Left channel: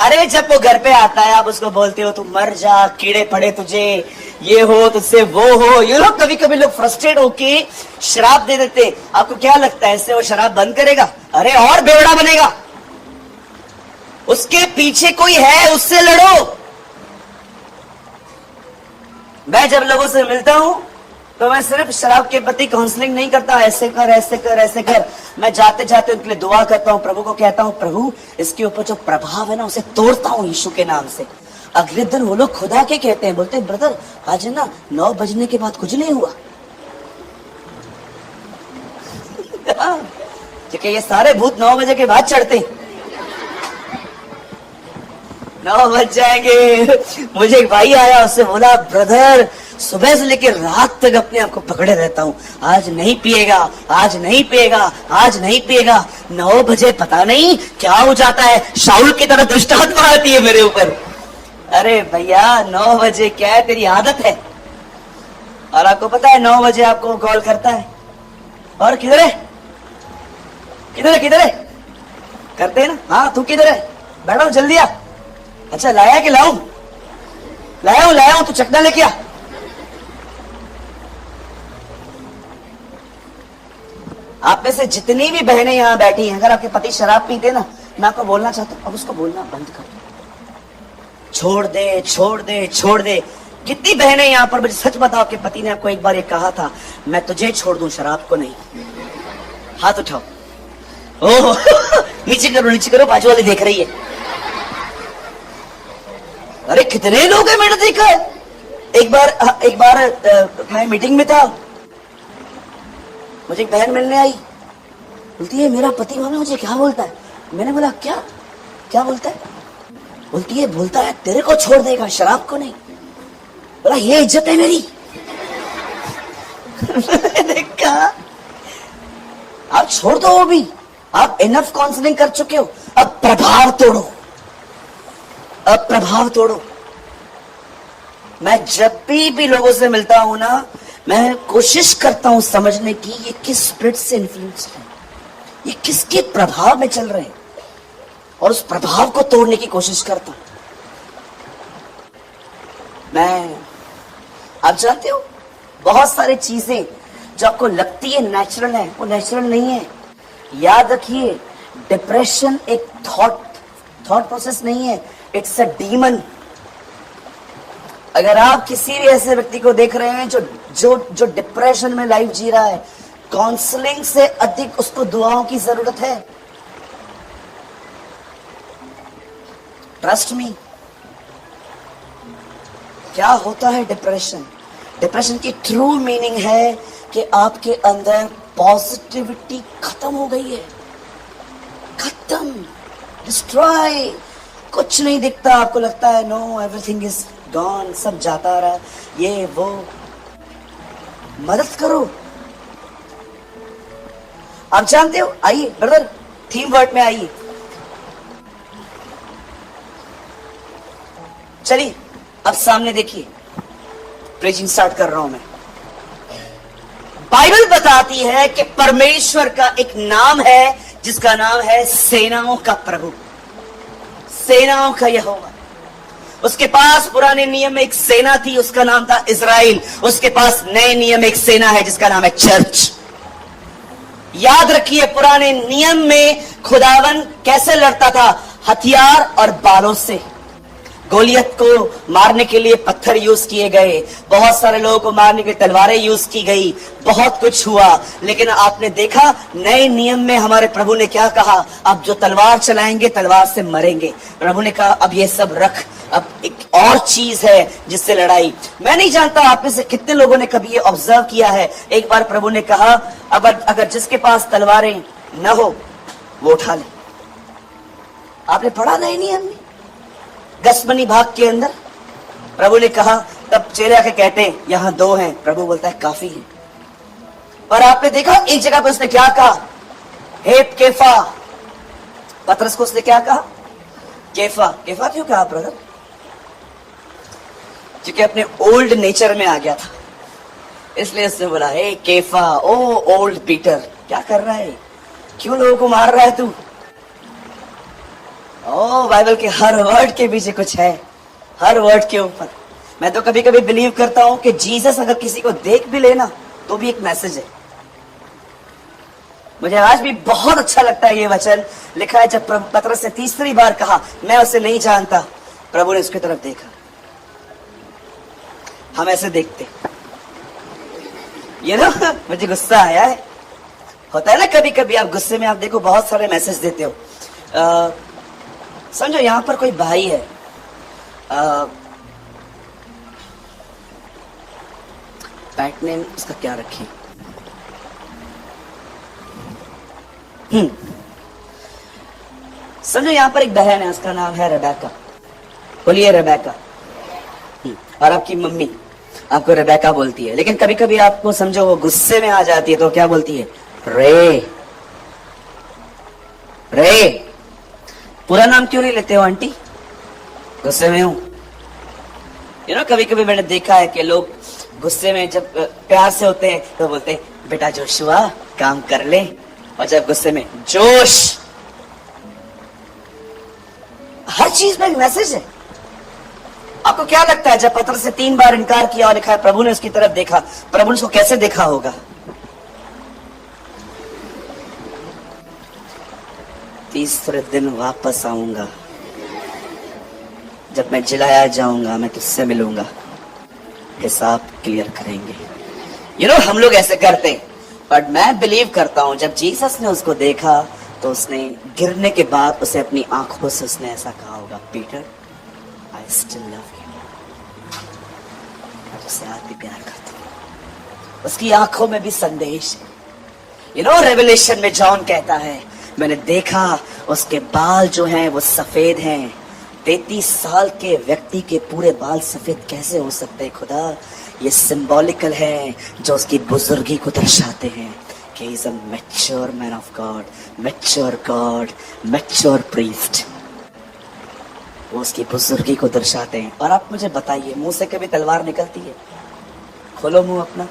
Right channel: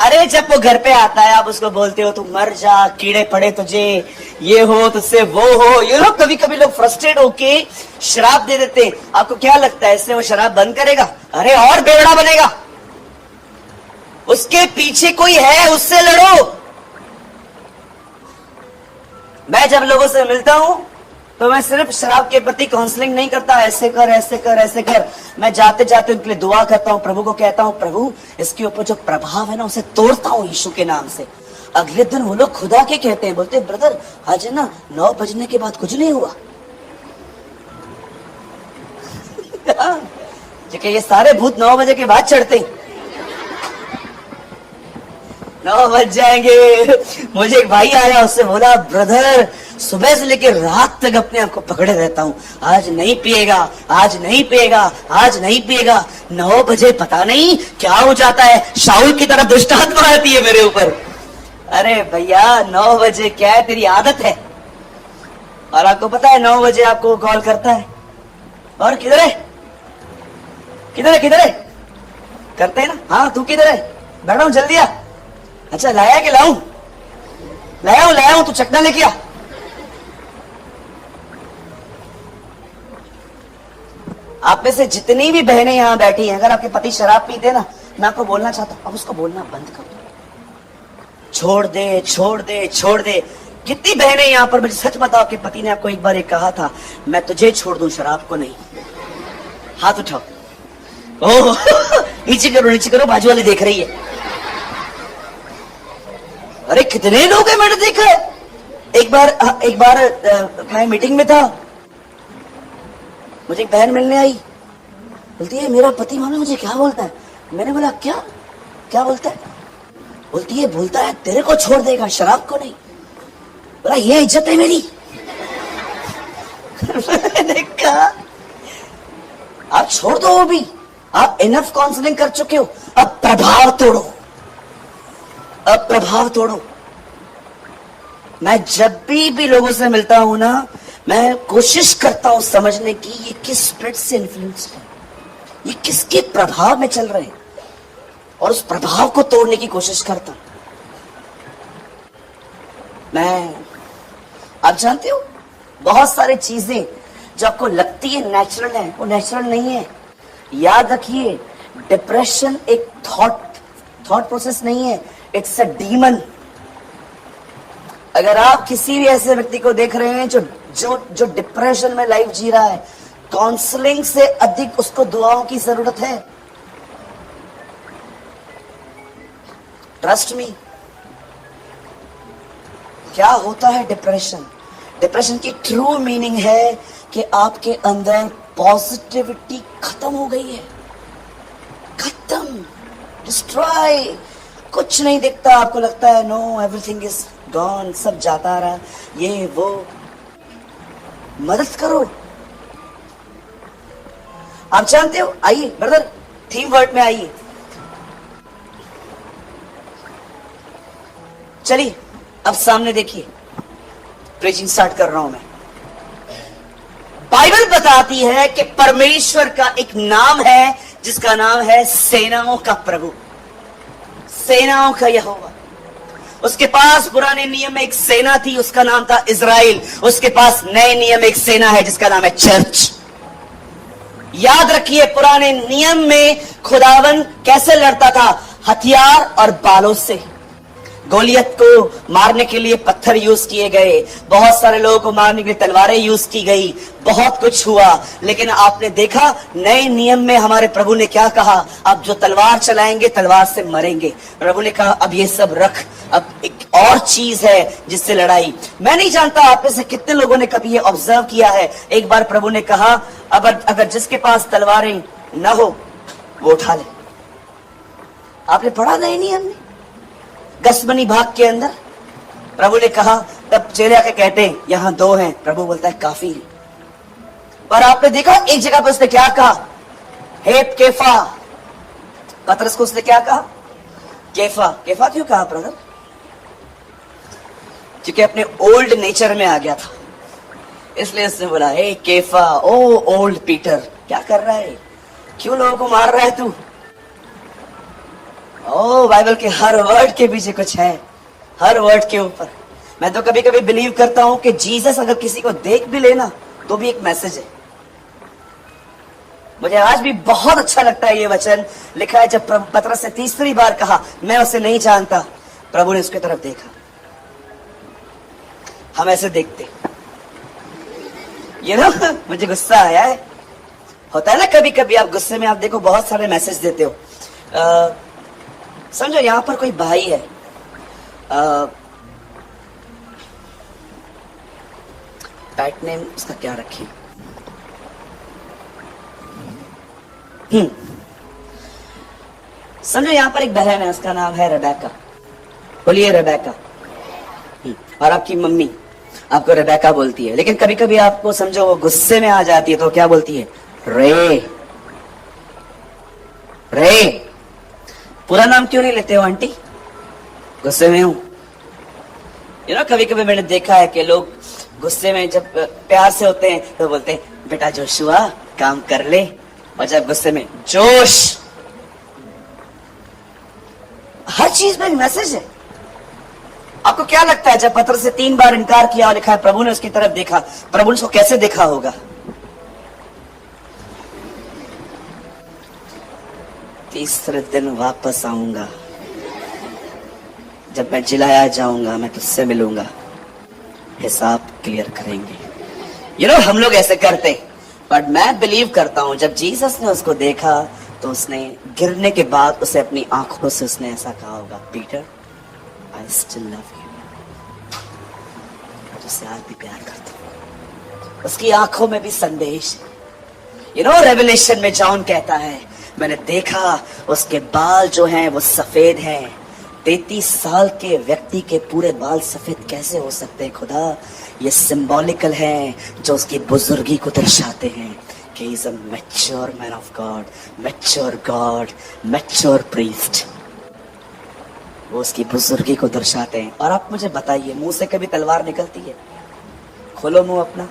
अरे जब वो घर पे आता है आप उसको बोलते हो तू मर जा, कीड़े पड़े तुझे, ये हो तुझसे वो हो, यू नो। कभी कभी लोग फ्रस्ट्रेट होके शराब दे देते हैं। आपको क्या लगता है इससे वो शराब बंद करेगा? अरे और बेवड़ा बनेगा। उसके पीछे कोई है, उससे लड़ो। मैं जब लोगों से मिलता हूं तो मैं सिर्फ शराब के प्रति काउंसलिंग नहीं करता, ऐसे कर ऐसे कर ऐसे कर। मैं जाते जाते उनके लिए दुआ करता हूं, प्रभु को कहता हूं प्रभु इसके ऊपर जो प्रभाव है ना उसे तोड़ता हूं यीशु के नाम से। अगले दिन वो लोग खुदा के कहते हैं, बोलते ब्रदर आज है ना 9 बजने के बाद कुछ नहीं हुआ। क्योंकि ये सारे भूत 9 बजे के बाद चढ़ते हैं। 9 बज जाएंगे। मुझे एक भाई आया, उससे बोला ब्रदर सुबह से लेकर रात तक अपने आप को पकड़े रहता हूँ, आज नहीं पिएगा, आज नहीं पिएगा, आज नहीं पिएगा। 9 बजे पता नहीं क्या हो जाता है, शाऊल की तरह दुष्ट आत्मा आती है मेरे ऊपर। अरे भैया 9 बजे क्या है, तेरी आदत है। और आपको पता है 9 बजे आपको कॉल करता है और किधर है किधर है किधर है करते हैं ना, हाँ तू किधर है, बैठो जल्दी आ। अच्छा लाया कि लाऊं? लाया तू चकना लेके आ। आप में से जितनी भी बहनें यहां बैठी हैं, अगर आपके पति शराब पीते ना, मैं आपको बोलना चाहता हूं अब उसको बोलना बंद करो। छोड़ दे छोड़ दे छोड़ दे। कितनी बहनें यहां पर, मुझे सच बताओ आपके पति ने आपको एक बार ये कहा था मैं तुझे छोड़ दूं शराब को नहीं? हाथ उठाओ। ओह नीचे करो, बाजू वाली देख रही है। अरे कितने लोग हैं मैंने देखा। एक बार मैं मीटिंग में था, मुझे एक बहन मिलने आई, बोलती है मेरा पति मानो मुझे क्या बोलता है। मैंने बोला क्या बोलता है? बोलता है तेरे को छोड़ देगा शराब को नहीं। बोला ये इज्जत है मेरी। देखा आप छोड़ दो, वो भी आप इनफ काउंसलिंग कर चुके हो, अब प्रभाव तोड़ो। मैं जब भी लोगों से मिलता हूं ना, मैं कोशिश करता हूं समझने की ये किस स्पिरिट से इन्फ्लुएंस है, ये किसके प्रभाव में चल रहे हैं, और उस प्रभाव को तोड़ने की कोशिश करता हूं। आप जानते हो बहुत सारी चीजें जो आपको लगती है नेचुरल है, वो नेचुरल नहीं है। याद रखिए डिप्रेशन एक थॉट प्रोसेस नहीं है, इट्स अ डीमन। अगर आप किसी भी ऐसे व्यक्ति को देख रहे हैं जो डिप्रेशन में लाइफ जी रहा है, काउंसलिंग से अधिक उसको दुआओं की जरूरत है। Trust me. क्या होता है डिप्रेशन की ट्रू मीनिंग है कि आपके अंदर पॉजिटिविटी खत्म हो गई है, खत्म, डिस्ट्रॉय। कुछ नहीं दिखता, आपको लगता है नो एवरीथिंग इज गॉन, सब जाता रहा, ये वो। मदद करो। आप जानते हो, आइए ब्रदर थीम वर्ड में आइए, चलिए अब सामने देखिए, प्रेजिंग स्टार्ट कर रहा हूं मैं। बाइबल बताती है कि परमेश्वर का एक नाम है जिसका नाम है सेनाओं का प्रभु, सेनाओं का यहोवा। उसके पास पुराने नियम में एक सेना थी, उसका नाम था इज़राइल। उसके पास नए नियम में एक सेना है जिसका नाम है चर्च। याद रखिए पुराने नियम में खुदावन कैसे लड़ता था? हथियार और बालों से। गोलियत को मारने के लिए पत्थर यूज किए गए, बहुत सारे लोगों को मारने के लिए तलवारें यूज की गई, बहुत कुछ हुआ। लेकिन आपने देखा नए नियम में हमारे प्रभु ने क्या कहा? अब जो तलवार चलाएंगे तलवार से मरेंगे। प्रभु ने कहा अब ये सब रख, अब एक और चीज है जिससे लड़ाई। मैं नहीं जानता आप में से कितने लोगों ने कभी ये ऑब्जर्व किया है। एक बार प्रभु ने कहा अगर जिसके पास तलवारें न हो वो उठा ले। आपने पढ़ा नए नियम में गसमनी भाग के अंदर प्रभु ने कहा, तब चेले आके कहते हैं यहां 2 हैं। प्रभु बोलता है काफी है। पर आपने देखा एक जगह पर उसने क्या कहा? हेत केफा। पतरस को उसने क्या कहा? केफा। केफा क्यों कहा ब्रदर? क्योंकि अपने ओल्ड नेचर में आ गया था, इसलिए उसने बोला हे केफा, ओ ओल्ड पीटर, क्या कर रहा है? क्यों लोगों को मार रहा है तू? ओ बाइबल के हर वर्ड के पीछे कुछ है, हर वर्ड के ऊपर। मैं तो कभी कभी बिलीव करता हूं कि जीसस अगर किसी को देख भी लेना तो भी एक मैसेज है। मुझे आज भी बहुत अच्छा लगता है ये वचन लिखा है, जब पतरस ने तीसरी बार कहा मैं उसे नहीं जानता, प्रभु ने उसकी तरफ देखा। हम ऐसे देखते ये ना, मुझे गुस्सा आया है। होता है ना कभी कभी आप गुस्से में, आप देखो बहुत सारे मैसेज देते हो। समझो यहां पर कोई भाई है, पेट नेम उसका क्या रखें? समझो यहां पर एक बहन है, उसका नाम है रेबेका। बोलिए रेबेका। और आपकी मम्मी आपको रेबेका बोलती है, लेकिन कभी कभी आपको समझो वो गुस्से में आ जाती है तो क्या बोलती है? रे। रे पूरा नाम क्यों नहीं लेते हो आंटी? गुस्से में हूं। कभी कभी मैंने देखा है कि लोग गुस्से में जब प्यार से होते हैं तो बोलते हैं बेटा जोशुआ काम कर ले, और जब गुस्से में जोश। हर चीज में मैसेज है। आपको क्या लगता है जब पत्र से 3 बार इनकार किया और लिखा है प्रभु ने उसकी तरफ देखा, प्रभु ने उसको कैसे देखा होगा? तीसरे दिन वापस आऊंगा, जब मैं चिल्लाया जाऊंगा, मैं तुझसे मिलूंगा, हिसाब क्लियर करेंगे। हम लोग ऐसे करते हैं, बट मैं बिलीव करता हूं जब जीसस ने उसको देखा तो उसने गिरने के बाद उसे अपनी आंखों से उसने ऐसा कहा होगा, Peter I still love you. मैं तुझसे आज भी प्यार करती हूं। उसकी आंखों में भी संदेश है। रेवलेशन में जॉन कहता है मैंने देखा उसके बाल जो है वो सफेद हैं। 33 साल के व्यक्ति के पूरे बाल सफेद कैसे हो सकते हैं खुदा? ये सिंबॉलिकल है जो उसकी बुजुर्गी को दर्शाते हैं कि he is a mature man of God, mature God, mature priest. वो उसकी बुजुर्गी को दर्शाते हैं। और आप मुझे बताइए, मुंह से कभी तलवार निकलती है? खोलो मुंह अपना,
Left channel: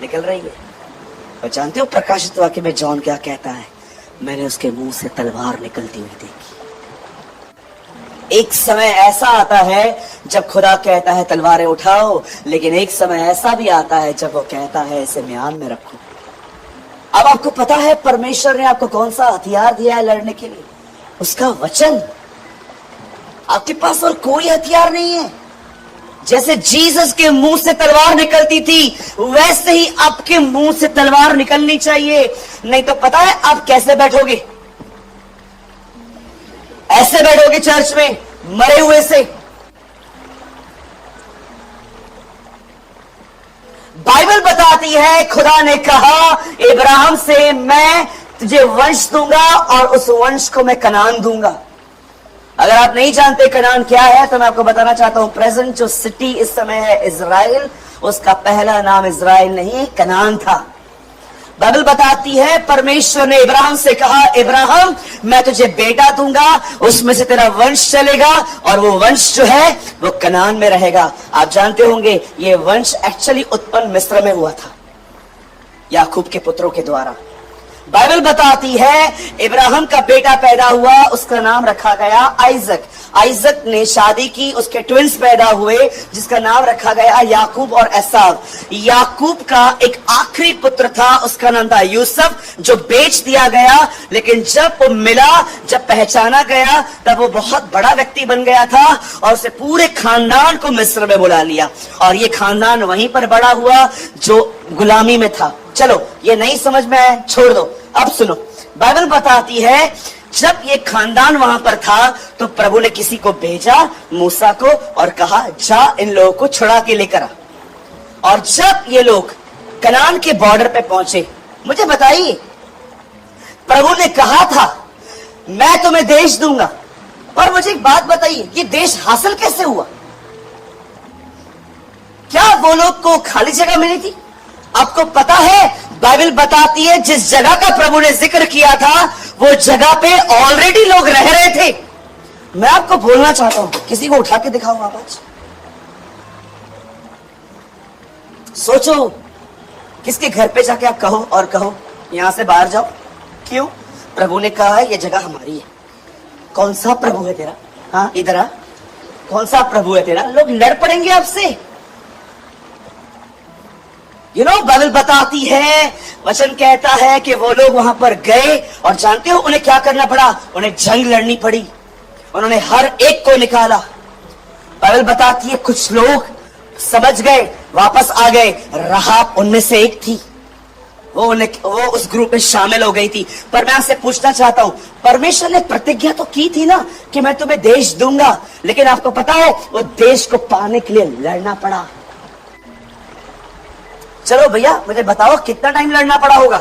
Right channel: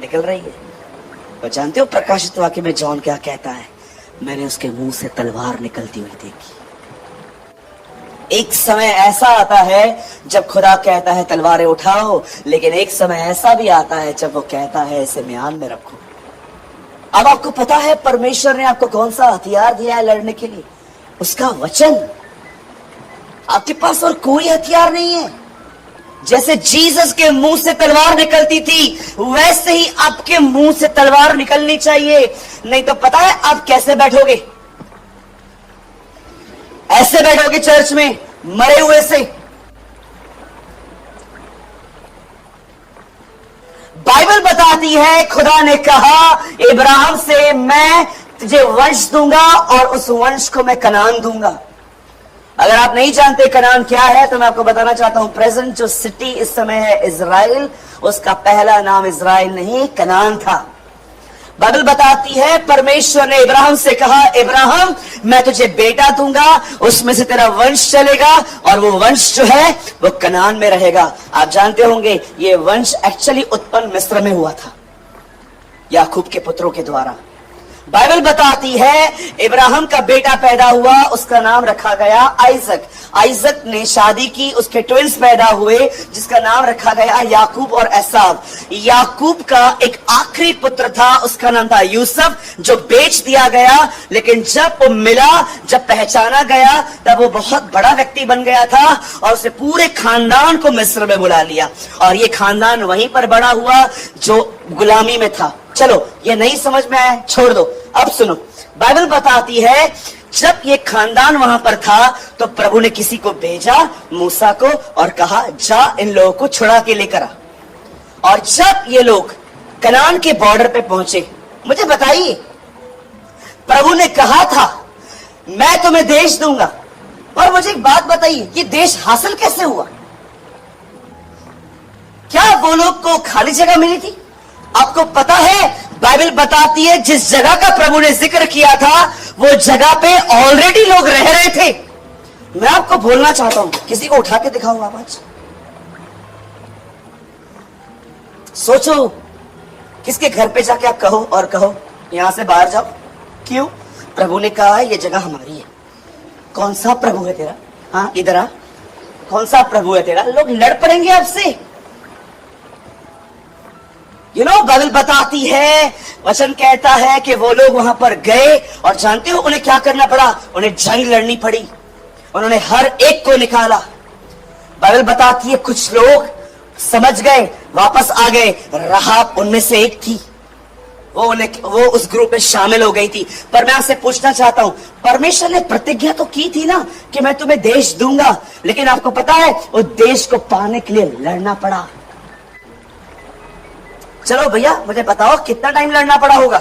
निकल रही है? और जानते हो प्रकाशित वाक्य में जॉन क्या कहता है? मैंने उसके मुंह से तलवार निकलती हुई देखी। एक समय ऐसा आता है जब खुदा कहता है तलवारें उठाओ, लेकिन एक समय ऐसा भी आता है जब वो कहता है इसे म्यान में रखो। अब आपको पता है परमेश्वर ने आपको कौन सा हथियार दिया है लड़ने के लिए? उसका वचन। आपके पास और कोई हथियार नहीं है। जैसे जीसस के मुंह से तलवार निकलती थी, वैसे ही आपके मुंह से तलवार निकलनी चाहिए। नहीं तो पता है आप कैसे बैठोगे? ऐसे बैठोगे चर्च में मरे हुए से। बाइबल बताती है खुदा ने कहा इब्राहिम से मैं तुझे वंश दूंगा और उस वंश को मैं कनान दूंगा। अगर आप नहीं जानते कनान क्या है तो मैं आपको बताना चाहता हूं, प्रेजेंट जो सिटी इस समय है इजराइल, उसका पहला नाम इजराइल नहीं कनान था। बाइबल बताती है परमेश्वर ने इब्राहिम से कहा इब्राहिम मैं तुझे बेटा दूंगा, उसमें से तेरा वंश चलेगा और वो वंश जो है वो कनान में रहेगा। आप जानते होंगे ये वंश एक्चुअली उत्पन्न मिस्र में हुआ था याकूब के पुत्रों के द्वारा। बाइबल बताती है इब्राहिम का बेटा पैदा हुआ, उसका नाम रखा गया आइजक। आइजक ने शादी की, उसके ट्विंस पैदा हुए जिसका नाम रखा गया याकूब और एसाव। याकूब का एक आखिरी पुत्र था, उसका नाम था यूसुफ, जो बेच दिया गया, लेकिन जब वो मिला, जब पहचाना गया, तब वो बहुत बड़ा व्यक्ति बन गया था और उसे पूरे खानदान को मिस्र में बुला लिया। और ये खानदान वहीं पर बड़ा हुआ जो गुलामी में था। चलो ये नहीं समझ में आया, छोड़ दो। अब सुनो, बाइबल बताती है जब ये खानदान वहां पर था तो प्रभु ने किसी को भेजा, मूसा को, और कहा जा इन लोगों को छुड़ा के लेकर आ। और जब ये लोग कनान के बॉर्डर पे पहुंचे, मुझे बताइए प्रभु ने कहा था मैं तुम्हें देश दूंगा, और मुझे एक बात बताइए ये देश हासिल कैसे हुआ? क्या वो लोग को खाली जगह मिली थी? आपको पता है बाइबल बताती है जिस जगह का प्रभु ने जिक्र किया था वो जगह पे ऑलरेडी लोग रह रहे थे। मैं आपको बोलना चाहता हूं, किसी को उठा के दिखाऊंगा आज। सोचो किसके घर पे जाके आप कहो और कहो यहां से बाहर जाओ। क्यों? प्रभु ने कहा है ये जगह हमारी है। कौन सा प्रभु है तेरा? हाँ इधर आ, कौन सा प्रभु है तेरा? लोग लड़ पड़ेंगे आपसे। बाइबल बताती है, वचन कहता है कि वो लोग वहां पर गए और जानते हो उन्हें क्या करना पड़ा? उन्हें जंग लड़नी पड़ी। उन्होंने हर एक को निकाला। बाइबल बताती है कुछ लोग समझ गए, वापस आ गए। राहाब उनमें से एक थी, वो उस ग्रुप में शामिल हो गई थी। पर मैं आपसे पूछना चाहता हूं, परमेश्वर ने प्रतिज्ञा तो की थी ना कि मैं तुम्हें देश दूंगा, लेकिन आपको पता है वो देश को पाने के लिए लड़ना पड़ा। चलो भैया मुझे बताओ कितना टाइम लड़ना पड़ा होगा?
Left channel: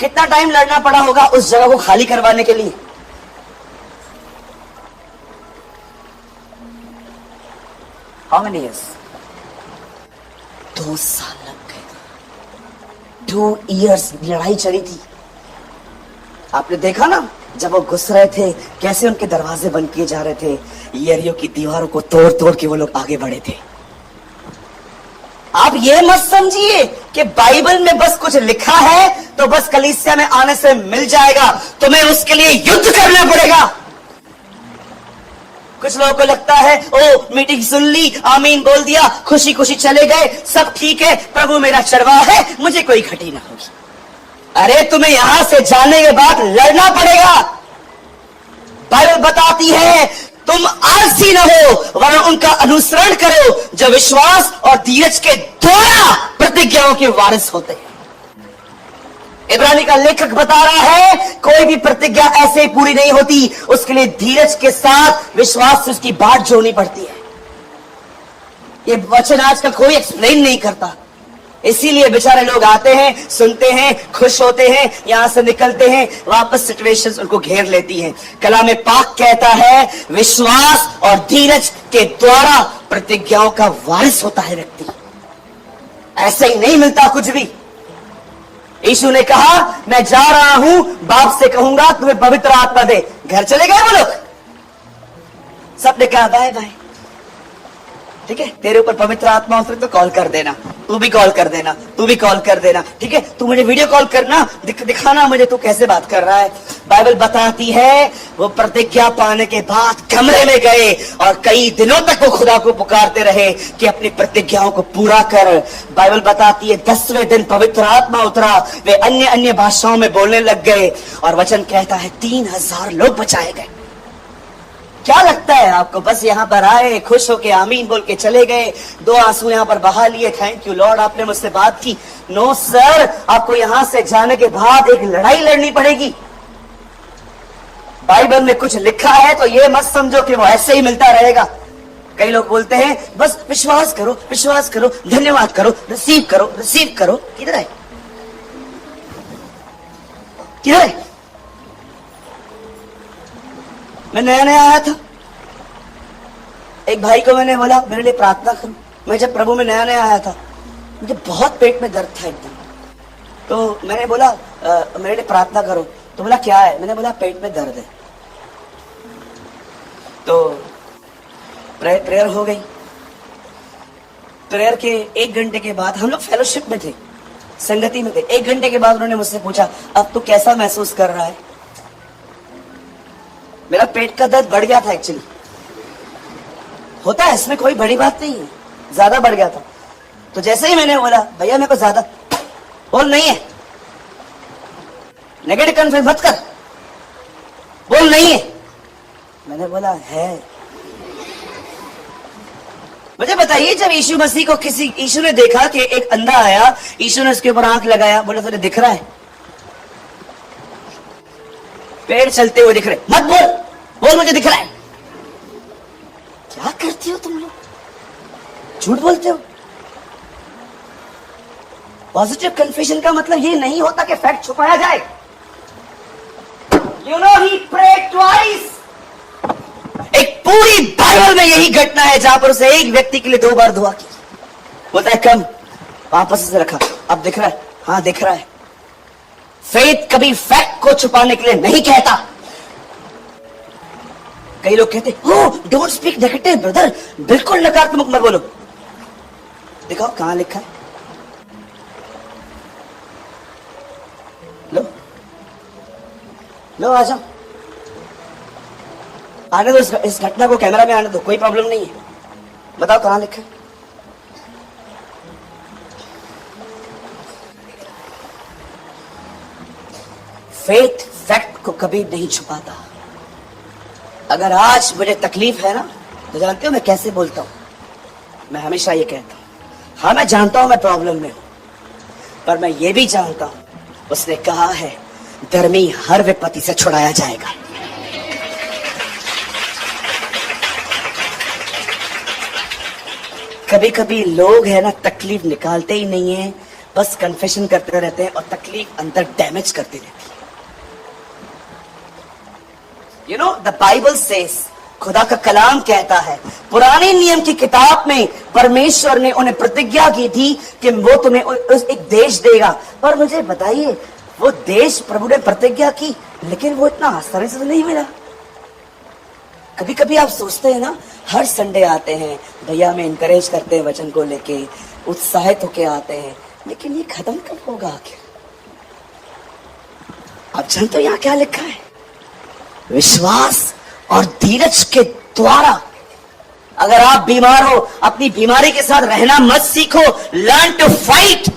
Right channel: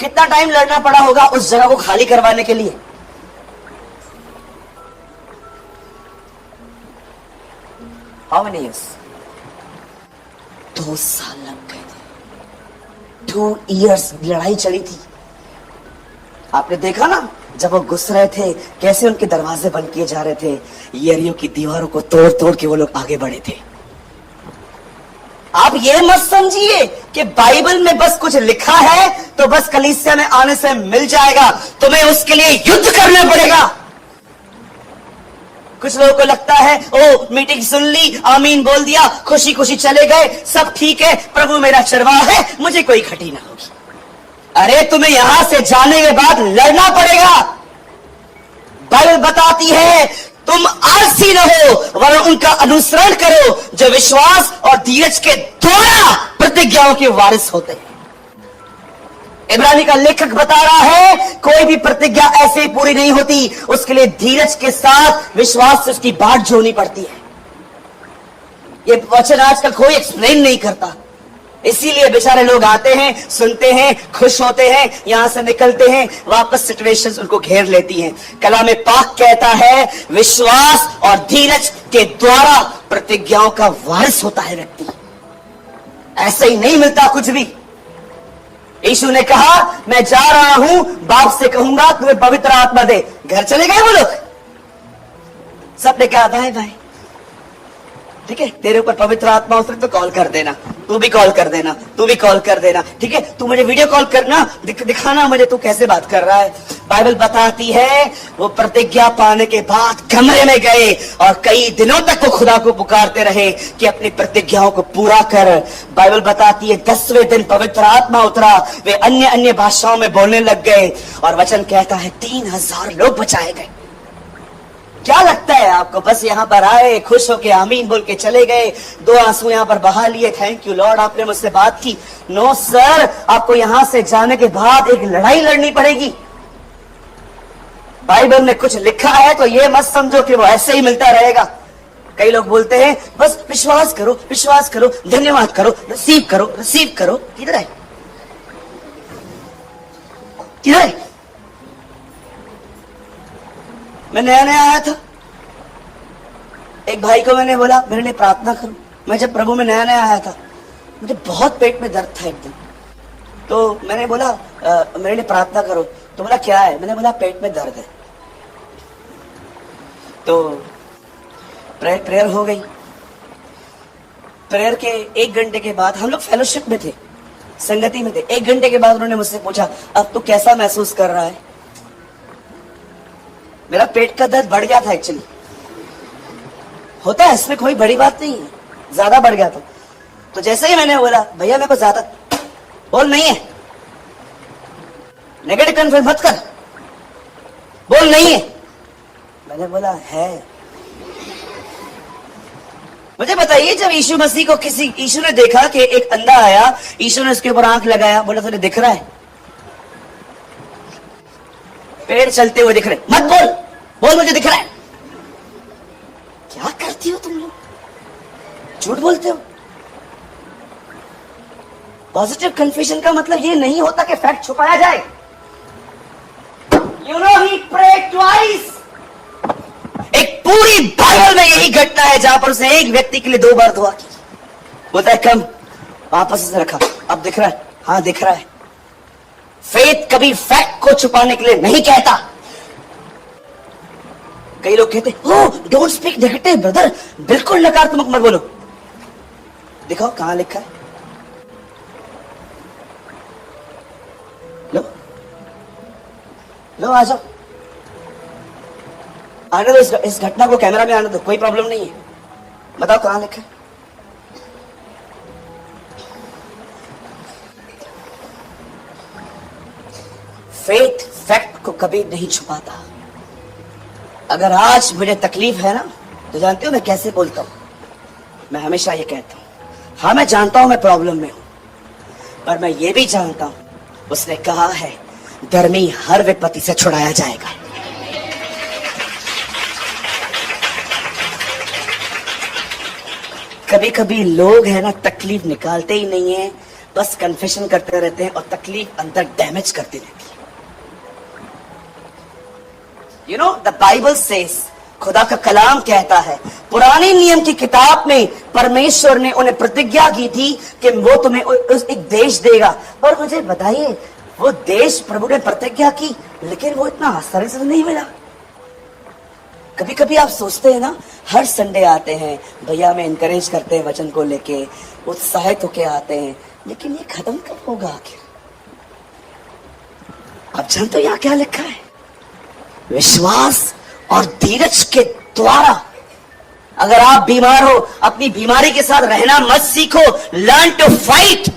कितना टाइम लड़ना पड़ा होगा उस जगह को खाली करवाने के लिए? How many years? 2 साल लग गए थे। 2 इयर्स लड़ाई चली थी। आपने देखा ना जब वो घुस रहे थे कैसे उनके दरवाजे बंद किए जा रहे थे, यरियो की दीवारों को तोड़ तोड़ के वो लोग आगे बढ़े थे। आप ये मत समझिए कि बाइबल में बस कुछ लिखा है तो बस कलीसिया में आने से मिल जाएगा, तुम्हें उसके लिए युद्ध करना पड़ेगा। कुछ लोगों को लगता है ओ मीटिंग सुन ली, आमीन बोल दिया, खुशी खुशी चले गए, सब ठीक है, प्रभु मेरा चरवाहा है, मुझे कोई खटी ना होगी। अरे तुम्हें यहां से जाने के बाद लड़ना पड़ेगा। बाइबल बताती है तुम आलसी न हो वरन उनका अनुसरण करो जो विश्वास और धीरज के द्वारा प्रतिज्ञाओं के वारिस होते हैं। इब्रानी का लेखक बता रहा है कोई भी प्रतिज्ञा ऐसे ही पूरी नहीं होती, उसके लिए धीरज के साथ विश्वास से उसकी बाट जोड़नी पड़ती है। ये वचन आजकल कोई एक्सप्लेन नहीं करता, इसीलिए बेचारे लोग आते हैं, सुनते हैं, खुश होते हैं, यहां से निकलते हैं, वापस सिचुएशंस उनको घेर लेती हैं। कलाम पाक कहता है विश्वास और धीरज के द्वारा प्रतिज्ञाओं का वारिस होता है व्यक्ति। ऐसे ही नहीं मिलता कुछ भी। यीशु ने कहा मैं जा रहा हूं, बाप से कहूंगा तुम्हें पवित्र आत्मा दे। घर चले गए वो लोग, सबने कहा बाय बाय, ठीक है, तेरे ऊपर पवित्र आत्मा उतरे तो कॉल कर देना, तू भी कॉल कर देना, तू भी कॉल कर देना, ठीक है, तू मुझे वीडियो कॉल करना, दिखाना मुझे तू कैसे बात कर रहा है। बाइबल बताती है वो प्रतिज्ञा पाने के बाद कमरे में गए और कई दिनों तक वो खुदा को पुकारते रहे कि अपनी प्रतिज्ञाओं को पूरा कर। बाइबल बताती है 10वें दिन पवित्र आत्मा उतरा, वे अन्य अन्य भाषाओं में बोलने लग गए और वचन कहता है 3000 लोग बचाए गए। क्या लगता है आपको? बस यहाँ पर आए, खुश होके आमीन बोल के चले गए, 2 आंसू यहाँ पर बहा लिए, थैंक यू लॉर्ड आपने मुझसे बात की? नो सर, आपको यहाँ से जाने के बाद एक लड़ाई लड़नी पड़ेगी। बाइबल में कुछ लिखा है तो ये मत समझो कि वो ऐसे ही मिलता रहेगा। कई लोग बोलते हैं बस विश्वास करो, विश्वास करो, धन्यवाद करो, रिसीव करो, रिसीव करो। किधर है, किधर है? मैं नया नया आया था, एक भाई को मैंने बोला मेरे लिए प्रार्थना करो। मैं जब प्रभु में नया नया आया था, मुझे बहुत पेट में दर्द था एक दिन, तो मैंने बोला मेरे लिए प्रार्थना करो। तो बोला क्या है? मैंने बोला पेट में दर्द है। तो प्रेयर हो गई। प्रेयर के 1 घंटे के बाद, हम लोग फेलोशिप में थे, संगति में थे, 1 घंटे के बाद उन्होंने मुझसे पूछा अब तू कैसा महसूस कर रहा है? मेरा पेट का दर्द बढ़ गया था एक्चुअली, होता है इसमें कोई बड़ी बात नहीं है, ज्यादा बढ़ गया था। तो जैसे ही मैंने बोला भैया मेरे को ज्यादा बोल नहीं है, नेगेटिव कन्फर्म मत कर, बोल नहीं है, मैंने बोला है। मुझे बताइए जब यीशु मसीह को यीशु ने देखा कि एक अंधा आया, यीशु ने उसके ऊपर आंख लगाया, बोला तुझे दिख रहा है? पेड़ चलते हुए दिख रहे, मत बोल, बोल मुझे दिख रहा है। क्या करती हो तुम लोग, झूठ बोलते हो। पॉजिटिव कन्फ्यूजन का मतलब ये नहीं होता कि फैक्ट छुपाया जाए। You know he prayed twice. एक पूरी बाइबल में यही घटना है जहां पर उसे एक व्यक्ति के लिए 2 बार दुआ की। बोलता है कम, वापस से रखा, अब दिख रहा है? हाँ दिख रहा है। फेथ कभी फैक्ट को छुपाने के लिए नहीं कहता। कई लोग कहते हो डोंट स्पीक नेगेटिव ब्रदर, बिल्कुल नकारात्मक मत बोलो। दिखाओ कहां लिखा है, लो लो आ जाओ, आने दो, इस घटना को कैमरा में आने दो, कोई प्रॉब्लम नहीं है। बताओ कहां लिखा है? फेथ फैक्ट को कभी नहीं छुपाता। अगर आज मुझे तकलीफ है ना, तो जानते हो मैं कैसे बोलता हूं? मैं हमेशा ये कहता हूं, हाँ मैं जानता हूं मैं प्रॉब्लम में हूं, पर मैं ये भी जानता हूं उसने कहा है धर्मी हर विपत्ति से छुड़ाया जाएगा। कभी कभी लोग है ना तकलीफ निकालते ही नहीं है, बस कन्फेशन करते रहते हैं और तकलीफ अंदर डैमेज करते रहती है। You know the Bible says, खुदा का कलाम कहता है, पुराने नियम की किताब में परमेश्वर ने उन्हें प्रतिज्ञा की थी कि वो तुम्हें एक देश देगा। पर मुझे बताइए, वो देश प्रभु ने प्रतिज्ञा की, लेकिन वो इतना आसानी से नहीं मिला। कभी कभी आप सोचते हैं ना, हर संडे आते हैं, भैया में इंकरेज करते हैं वचन को लेके, उत्साहित होके आते हैं, लेकिन ये खत्म कब होगा आखिर? अब जानते हो यहाँ क्या लिखा है? विश्वास और धीरज के द्वारा। अगर आप बीमार हो, अपनी बीमारी के साथ रहना मत सीखो, लर्न टू फाइट।